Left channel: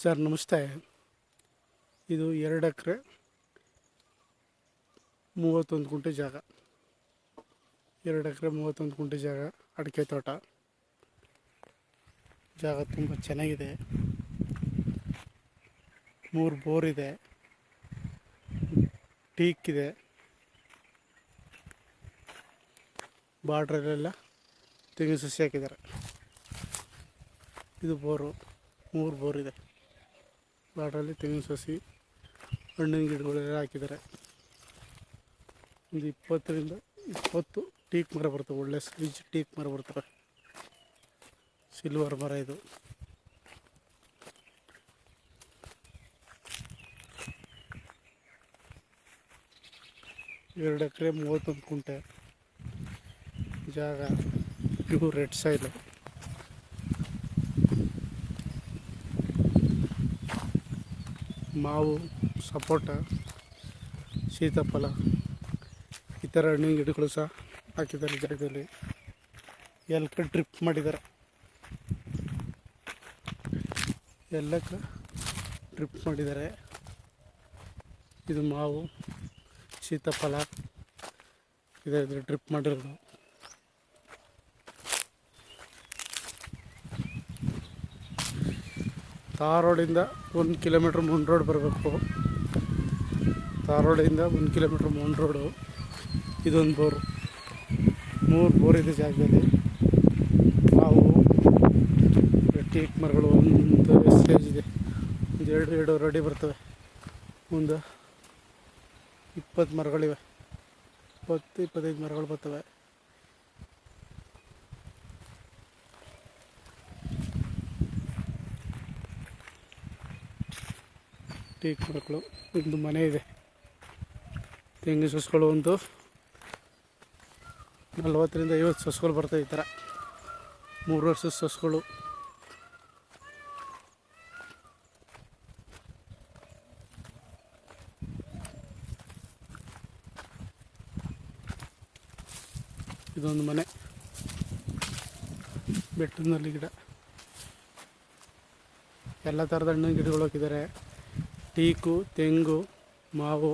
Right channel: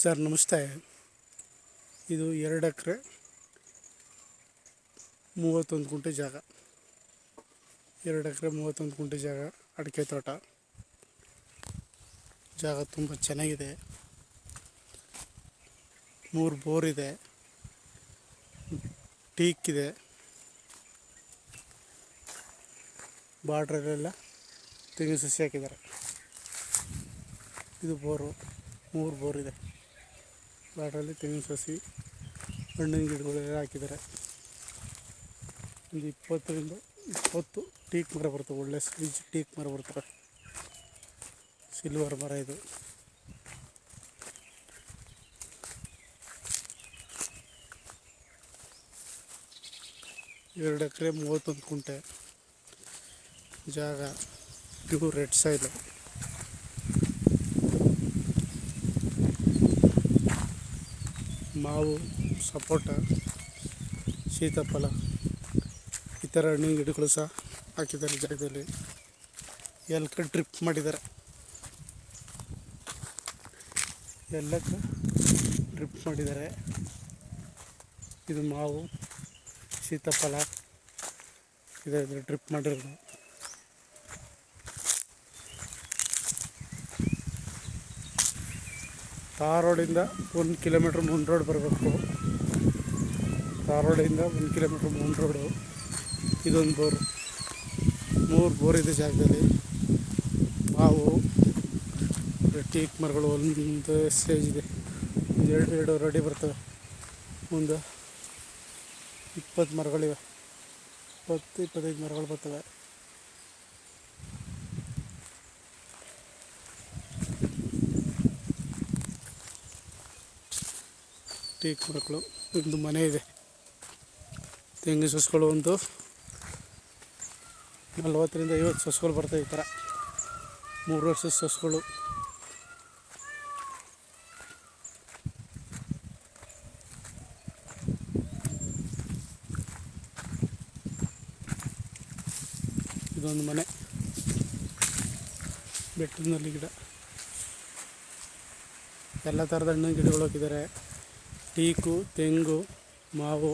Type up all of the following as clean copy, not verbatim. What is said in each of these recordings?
Sir ನಮಸ್ತೆ. ಇದು 2 ಎಕರೆ 31 ಗುಂಟೆ ಜಾಗ. 2 ಎಕರೆ 31 ಗುಂಟೆ ಜಾಗ, ಅಡಿಕೆ ತೋಟ. ಜಾಗ ತುಂಬ ಚೆನ್ನಾಗಿದೆ. 3 ಬೋರ್ ಇದೆ, ಟೀಕ್ ಇದೆ, ಬಾರ್ಡ್ರಲ್ಲೆಲ್ಲ ತೆಂಗಿನ ಸಸಿ ಹಾಕಿದ್ದಾರೆ. ಇದು ಬೋರು, 3 ಬೋರ್ ಇದೆ. ಬಾರ್ಡ್ರಲ್ಲಿ ತೆಂಗಿನ ಸಸಿ, ಹಣ್ಣಿನ ಗಿಡಗಳೆಲ್ಲ ಹಾಕಿದ್ದಾರೆ. ಒಂದು 20ರಿಂದ 20 ಟೀಕ್ ಮರ ಬರ್ತವೆ. ಒಳ್ಳೆ ಸೈಜ್ ಟೀಕ್ ಮರ ಬರ್ತವೆ. ಸಿಲ್ವರ್ ಮರ ಇದು. ಎರಡು ಎಕರೆ 31 ಗುಂಟೆ ಜಾಗ. Pure red soil. ಮಾವು, ಸಪೋಟ, ಸೀತಾಫಲ ಈ ಥರ ಹಣ್ಣಿನ ಗಿಡಗಳು ಸಹ ಹಾಕಿದ್ದಾರೆ ಜಾಗದಲ್ಲಿ. ಎಲ್ಲಕ್ಕೆ ಡ್ರಿಪ್ ಮಾಡಿದ್ದಾರೆ. ಎಲ್ಲಕ್ಕೆ ಡ್ರಿಪ್ ಮಾಡಿದ್ದಾರೆ. ಇದು ಮಾವು, ಸೀತಾಫಲ ಇದೆ, ಡ್ರಿಪ್ ಮಾಡಿರೋದು. ತಾರ್ ರೋಡಿಂದ 1 ಕಿಲೋಮೀಟ್ರ್ ಮುಂದೆ ರೋಡ್ ಬರಬೇಕು. ತಾರ್ ರೋಡಿಂದ 1 ಕಿಲೋಮೀಟ್ರ್ ಮುಂದೆ ರೋಡು. ಇದೊಂದು ಬೋರು, 3 ಬೋರ್ ಇದೆ ಜಾಗದಲ್ಲಿ. ಮಾವು, ಟೀಕ್ ಮರಗಳು ಒಂದು ಸ್ಟೇಜ್ ಇದೆ. ಒಂದು 2 ಅಡಿ ಬರ್ತವೆ. ಮುಂದೆ 20 ಮರಗಳಿವೆ. 20-25 ಮರಗಳು ಬರ್ತವೆ. ಟೀಕ್ ಮರಗಳು. ಒಂದು ಮನೆ ಇದೆ. ತೆಂಗಿನ ಸಸ್ಗಳು ಒಂದು 40ರಿಂದ 50 ಸಸ್ಗಳು ಬರ್ತವೆ. ಈ ಥರ 3 ವರ್ಷದ ಸಸ್ಗಳು. ಇದೊಂದು ಮನೆ, ಬೆಟ್ಟದಲ್ಲಿ ಗಿಡ. ಎಲ್ಲ ಥರದ ಹಣ್ಣಿನ ಗಿಡಗಳು ಹಾಕಿದ್ದಾರೆ. ಟೀಕು, ತೆಂಗು, ಮಾವು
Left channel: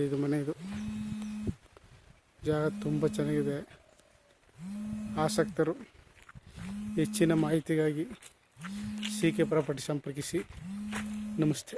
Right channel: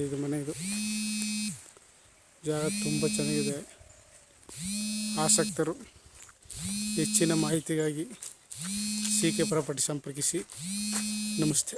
ಇದು ಮನೆ. ಇದು ಜಾಗ ತುಂಬ ಚೆನ್ನಾಗಿದೆ. ಆಸಕ್ತರು ಹೆಚ್ಚಿನ ಮಾಹಿತಿಗಾಗಿ CK ಪ್ರಾಪರ್ಟಿ ಸಂಪರ್ಕಿಸಿ. ನಮಸ್ತೆ.